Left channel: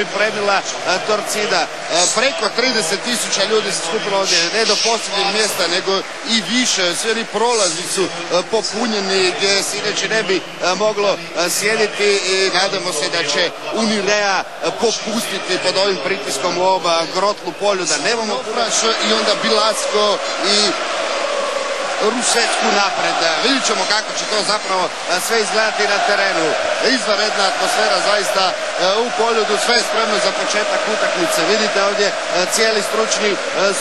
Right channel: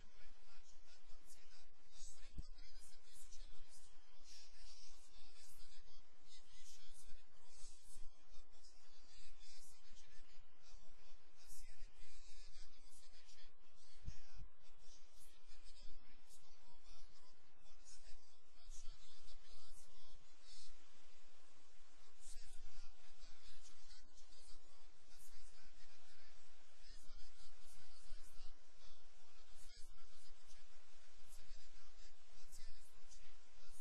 pripremila Torcida. Preko 30.000 ljudi se skupilo ovdje, ne do posljednjeg mjesta, nego i više. Svi oni prolazi su popunjeni gdje se inače ne bi moglo sjediti i nadamo se da će Unirea popustiti pod ovim pritiskom u oba grotlu polju, da nemamo Puraš i onda Bilatsko i Rusecku napred. Vidjet ćemo kako će to zapravo sve izgledati na terenu. Izvanredna atmosfera zaista u Poljudu, sve je spremno za početak utakmice. Vidite ovdje cijeli stručni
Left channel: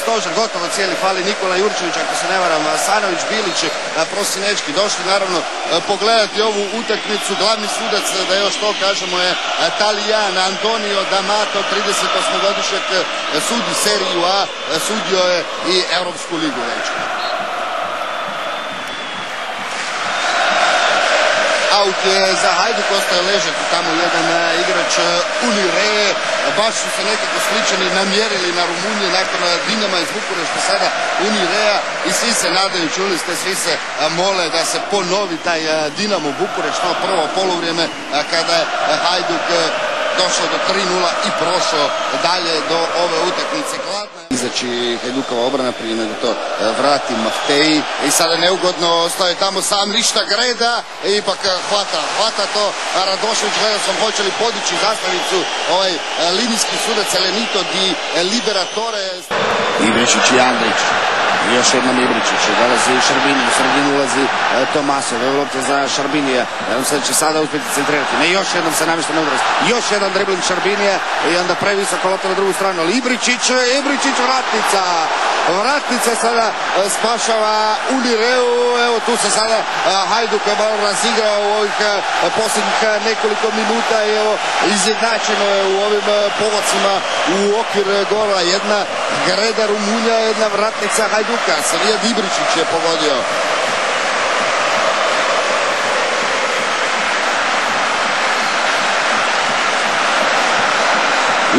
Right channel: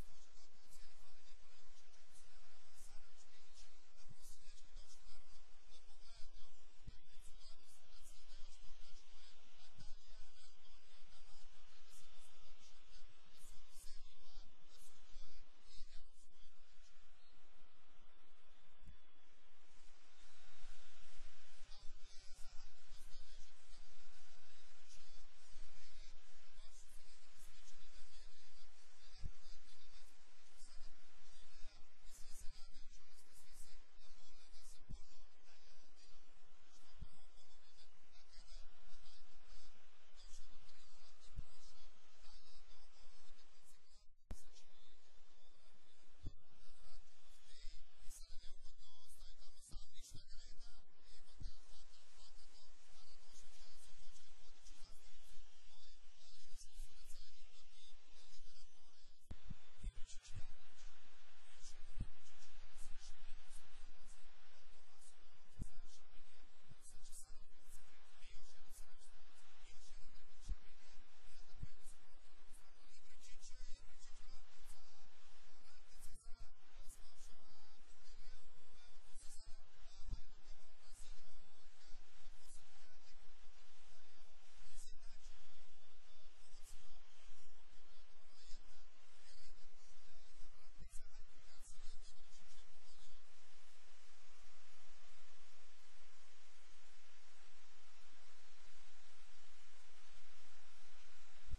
stožer, gotovo cijeli, fali Nikola Jurčević, ako se ne varam, Sanović, Bilić, Prosinečki, došli naravno pogledati ovu utakmicu. Glavni sudac, da još to kažemo, je Talijan Antonio D'Amato, 38-godišnjak, sudi seriju A, sudio je i Europsku ligu već. Aut je za Hajduk, ostaje ležati tamo jedan igrač Unire. Baš su se nekako sličani namjerili na Rumunije nakon Dinama iz Bukurešta, sada Unirea, i svi se nadaju, čuli ste, svi se mole da se ponovi taj Dinamo Bukurešt, to prvo poluvrijeme kada je Hajduk došao do 3:0 i prošao dalje do ove utakmice. Izaći Hajdukova obrana prije nego to vrati Maftej i sada neugodno ostaje tamo sam, ništa Greda i ipak hvata to Radošević. Gledao sam hoće li podići zastavicu ovaj linijski sudac Elenito di Liberatore. Ibričić i Andrić. Još jednom Ibričić, dolazi Šarbini, u sredinu ulazi Tomasov, evo lopta za Šarbinija, on se će sada uspjeti centrirati, ne, još jednom se namješta na udarac, još jedan dribling Šarbinija i onda previsoko lopta na drugu stranu, ali Ibričić, vratnica sada spašava Unireu. Evo tu se sada Hajduk malo razigrao u ovih posljednjih nekoliko minuta i evo izjednačeno je u ovim povocima u okvir gola, jedna Greda Rumunja, jedna vratnica Hajduka. Savijad Ibričić je pogodio.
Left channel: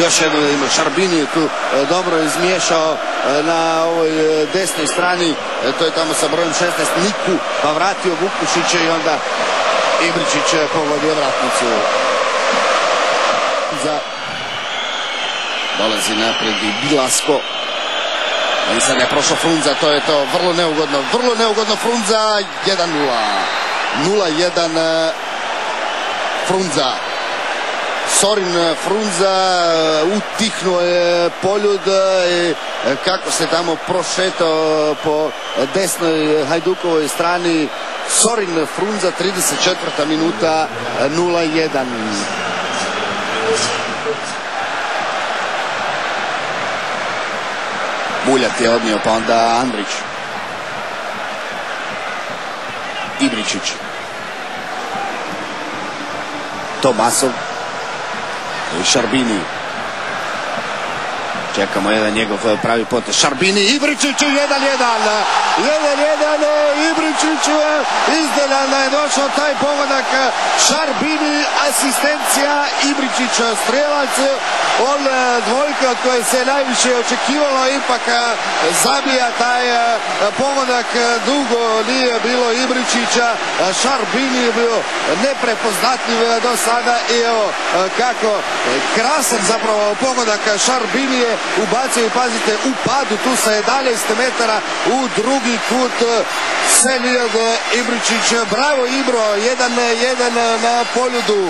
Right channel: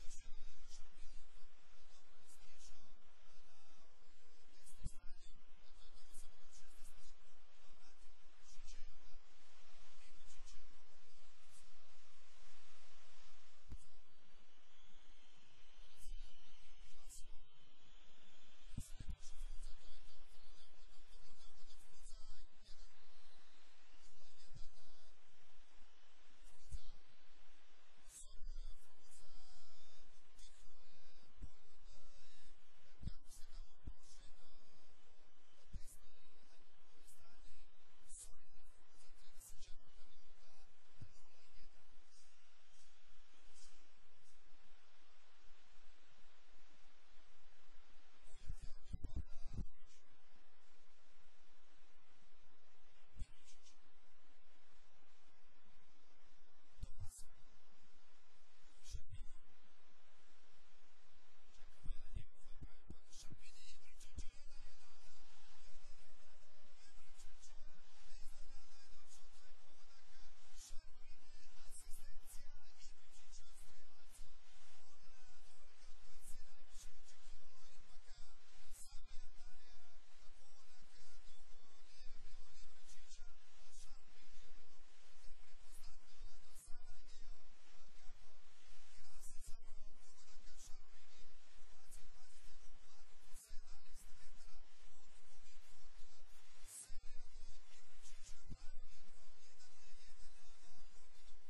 Još jedno ima Šarbini tu dobro izmiješao na ovoj desnoj strani, to je tamo sa brojem 16 Niku, pa vratio Vukušića i onda Ibričić pogodio vratnicu. Dolazi napred i Bilasko. I sad je prošao Frunza, to je to, vrlo neugodno Frunza, 1:0. 0:1 Frunza. Sorin Frunza utihnuo je Poljud i kako se tamo prošetao po desnoj Hajdukovoj strani. Sorin Frunza, 34. minuta, 0:1. Buljat je odnio, pa onda Andrić. Ibričić. Tomasov. I Šarbini. Čekamo jedan njegov pravi potez. Šarbini, Ibričić, 1:1. 1:1, Ibričić, iznenadno je došao taj pogodak. Šarbini, asistencija, Ibričić, strelac. On dvojka od koje se najviše očekivalo, ipak zabija taj pogodak. Dugo nije bilo Ibričića. Šarbini je bio neprepoznatljiv do sada i evo kako krasan zapravo pogodak Šarbini je ubacio i pazite u padu tu sa 11 metara u drugi kut Senijad Ibričić. Bravo Ibro, 1:1 na Poljudu.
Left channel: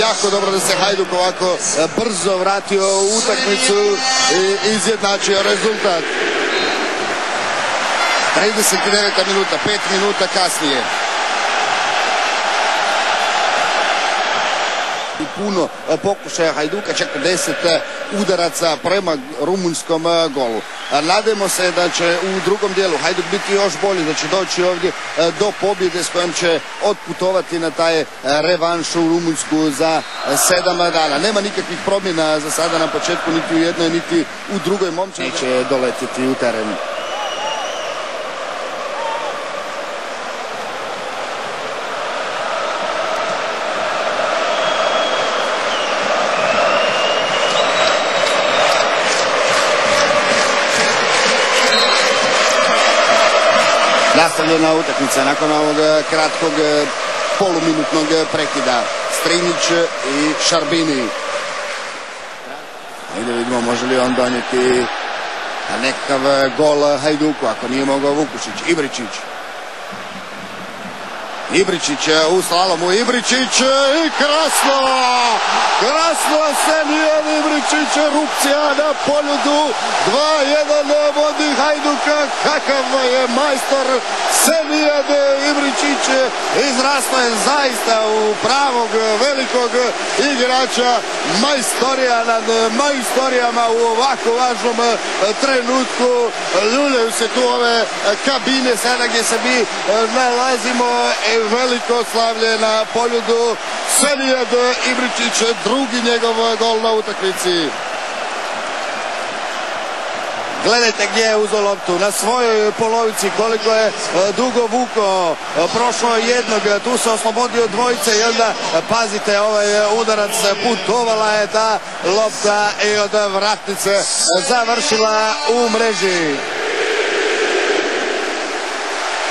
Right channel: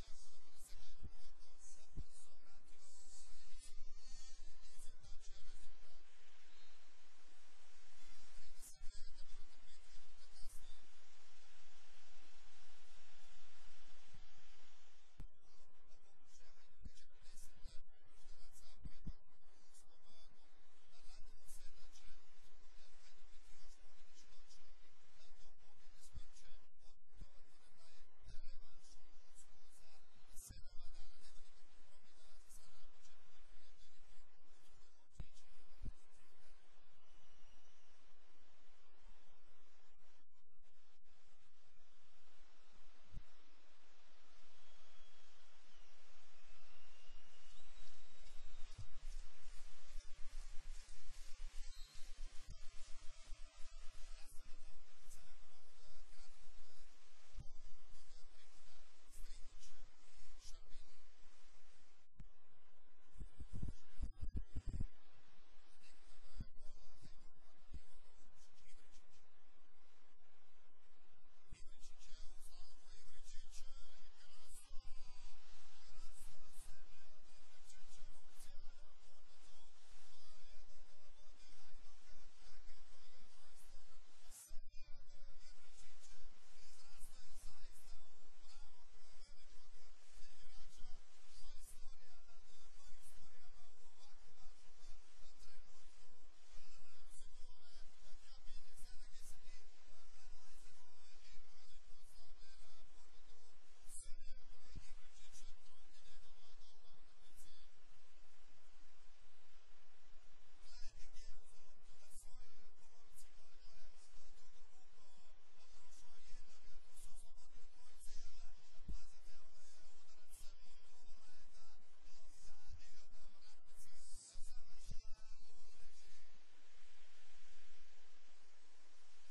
Jako dobro da se Hajduk ovako brzo vratio u utakmicu i izjednačio rezultat. 39. minuta, 5 minuta kasnije. Puno pokušaja Hajduka, čak 10 udaraca prema rumunjskom golu. Nadajmo se da će u drugom dijelu Hajduk biti još bolji, da će doći ovdje do pobjede s kojom će otputovati na taj revanš u Rumunjsku za 7 dana. Nema nikakvih promjena za sada na početku, niti u jednoj, niti u drugoj. Momčad neće doletiti u teren. nastavljena utakmica nakon ovog kratkog poluminutnog prekida. Strinić i Šarbini. Ajde vidimo može li on donijeti nekakav gol Hajduku ako nije mogao Vukušić. Ibričić. Ibričić u slalomu. Ibričić i krasno! Krasno Senijad Ibričić, erupcija na Poljudu. 2-1 vodi Hajduka. Kakav je majstor Senijad Ibričić. Izrastao je zaista u pravog velikog igrača. Majstorija nad majstorijama u ovako važnom trenutku. Ljuljaju se tu ove kabine sada gdje se mi nalazimo. Veliko slavlje na Poljudu. Senijad Ibričić, drugi njegov gol na utakmici. Gledajte gdje je uzeo loptu, na svojoj polovici, koliko je dugo vuko, prošlo jednog, tu se oslobodio dvojice i onda pazite ovaj udarac, putovala je ta lopta i od vratnice završila u mreži.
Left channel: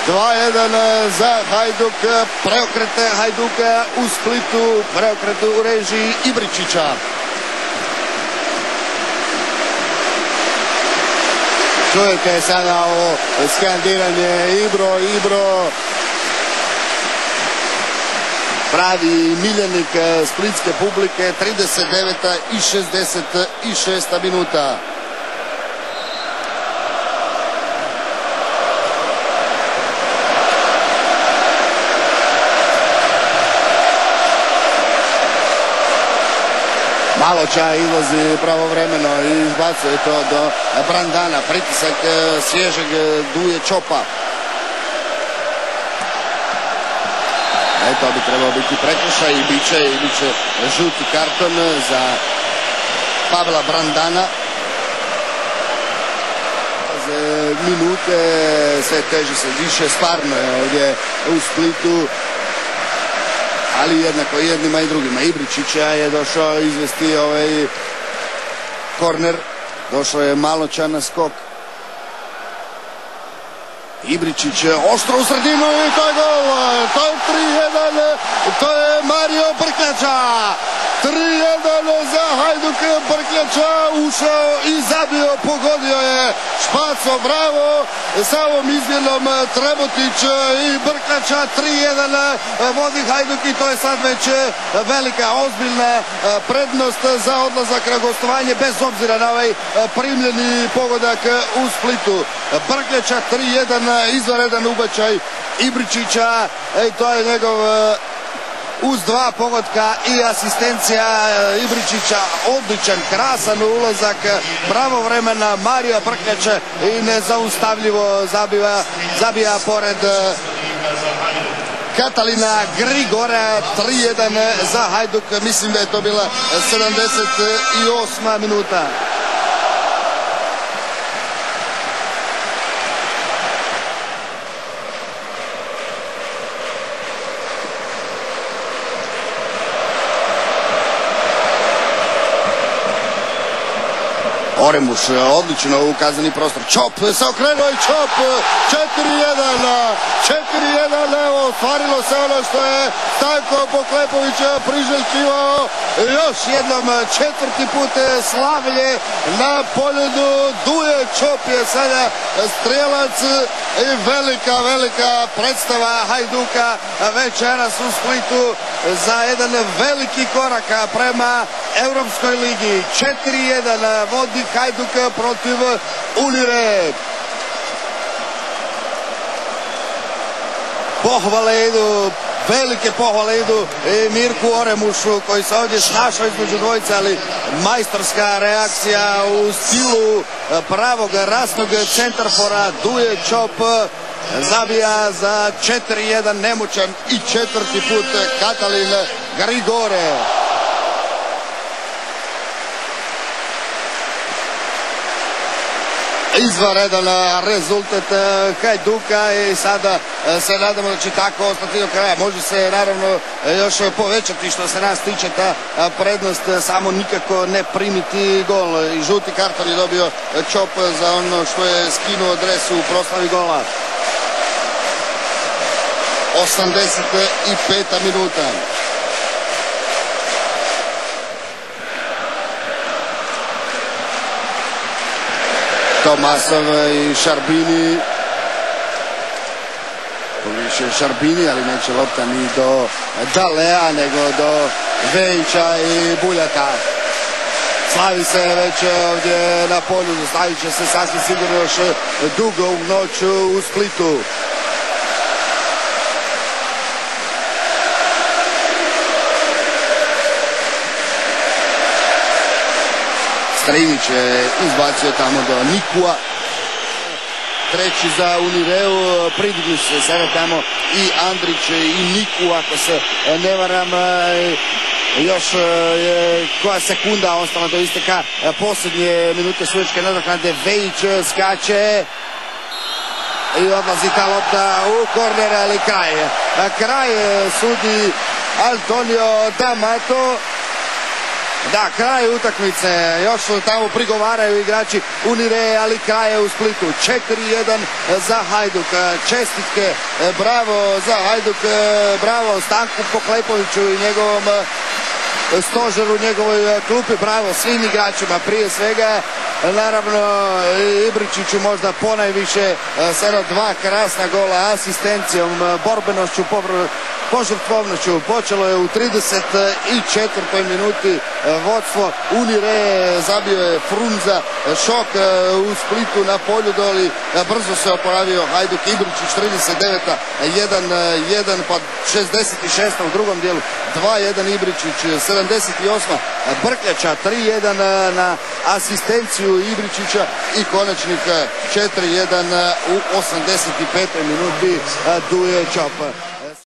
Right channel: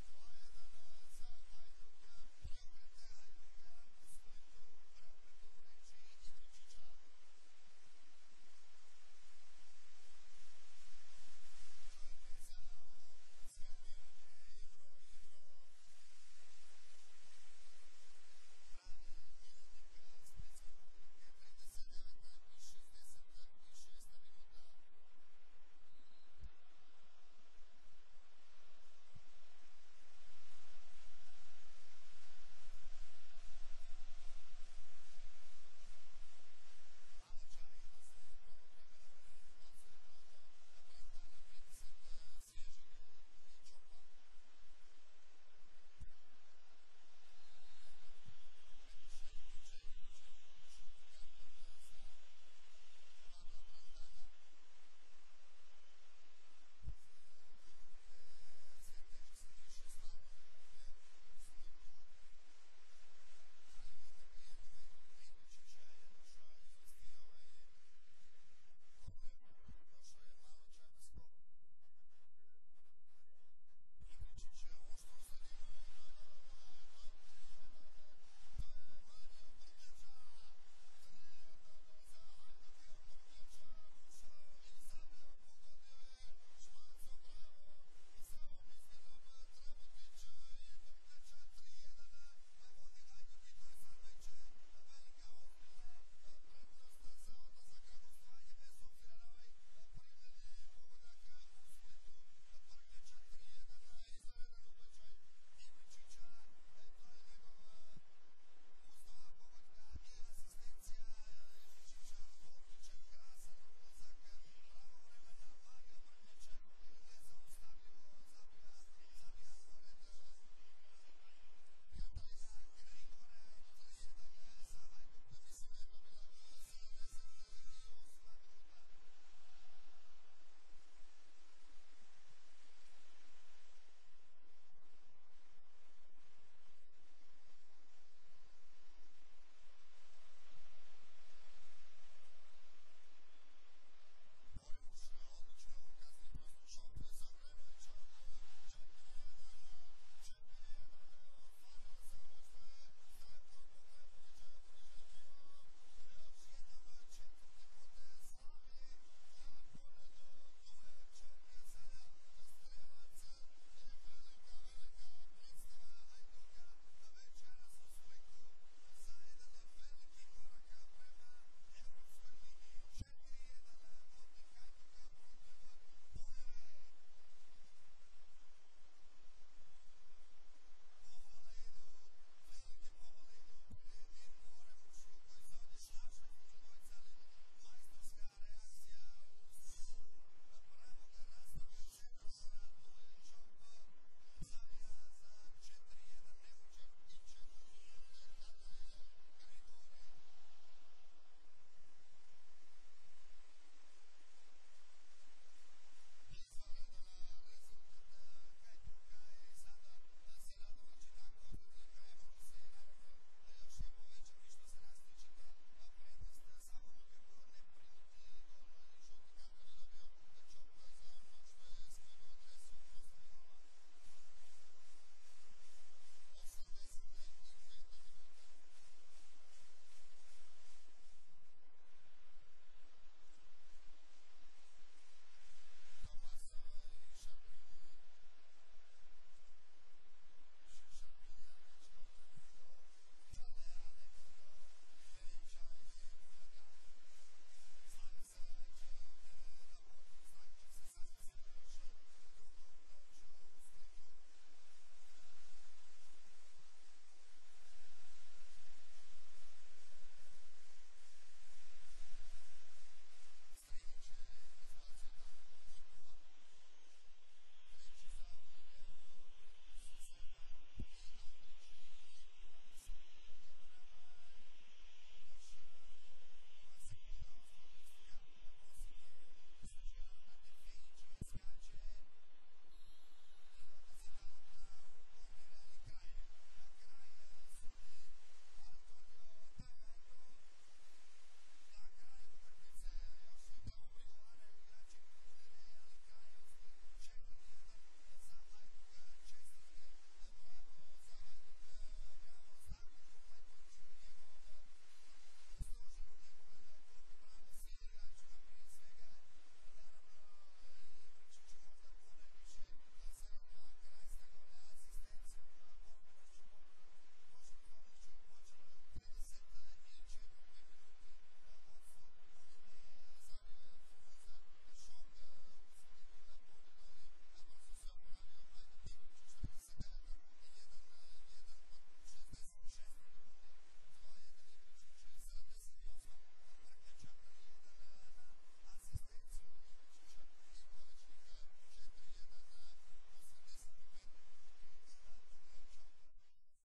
2-1 za Hajduk, preokret Hajduka u Splitu, preokret u režiji Ibričića. Čujete sada ovo skandiranje Ibro, Ibro. Pravi miljenik splitske publike, 39. i 66. minuta. Maloča izlazi pravovremeno i izbacuje to do Brandana. Pritisak svježeg Duje Čopa. To bi trebao biti prekršaj i bit će žuti karton za Pavla Brandana. Minute sve teže se diše, stvarno je ovdje u Splitu. Ali jednako jednima i drugima. Ibričića je došao izvesti ovaj korner. Došao je Maloča na skok. Ibričić oštro u sredinu i to je gol. To je 3-1. To je Mario Brkljača. 3-1 za Hajduk. Brkljača ušao i zabio, pogodio je Špaco, bravo. Sa ovom izmjenom Trebotić i Brkljača. 3-1 vodi Hajduk i to je sad već velika, ozbiljna prednost za odlazak na gostovanje bez obzira na ovaj primljeni pogodak u Splitu. Brkljača 3-1, izvanredan ubačaj Ibričića i to je njegov uz dva pogotka i asistencija Ibričića, odličan, krasan ulazak, pravovremena Marija Brkljača i nezaustavljivo zabija pored Katalina Grigora. 3-1 za Hajduk, mislim da je to bila 78. minuta. Oremuš odlično u kazneni prostor. Čop se okrenuo i Čop. 4-1. 4-1. Ostvarilo se ono što je Stanko Poklepović priželjkivao. Još jednom četvrti put slavlje na Poljudu. Duje Čop je sada strijelac i velika predstava Hajduka večeras u Splitu za jedan veliki korak prema Europskoj ligi. 4-1 vodi Hajduk protiv Unire. Pohvale idu, velike pohvale idu i Mirku Oremušu koji se ovdje snašao između dvojice, ali majstorska reakcija u stilu pravog rasnog centarfora. Duje Čop zabija za 4-1, nemoćan i četvrti put Katalin Grigore. Izvanredan rezultat Hajduka i sada se nadamo da će tako ostati do kraja. Može se naravno još povećati što se nas tiče ta prednost, samo nikako ne primiti gol. I žuti karton je dobio Čop za ono što je skinuo dres u proslavi gola. 85. minuta. Tomasov i Šarbini. Više Šarbini, ali neće lopta ni do Dalea, nego do Vejića i Buljaka. Slavi se već ovdje na polju, stavit će se sasvim sigurno još dugo u noć u Splitu. Strinić je izbacio tamo do Nikua. Treći za Unireu, pridigli su se sada tamo i Andrić i Niku, ako se ne varam. Još je koja sekunda ostala do isteka posljednje minute sudačke nadoknade. Vejić skače i odlazi ta lopta u korner, ali kraj. Kraj sudi Antonio D'Amato. Da, kraj utakmice, još tamo prigovaraju igrači Unire, ali kraj je u Splitu. 4-1 za Hajduk. Čestitke, bravo za Hajduk, bravo Stanku Poklepoviću i njegovom stožeru, njegovoj klupi, bravo svim igračima, prije svega naravno Ibričiću možda ponajviše, sada 2 krasna gola, asistencijom, borbenošću, požrtvovnošću. Počelo je u 34. minuti vodstvo Unire, zabio je Frunza, šok u Splitu na Poljudoli, brzo se oporavio Hajduk. Ibričić 39. 1-1, pa 66. u drugom dijelu 2-1 Ibričić, 78. Brkljača 3-1 na asistenciju Ibričića i konačnik 4-1 u 85. minuti Duje Čop.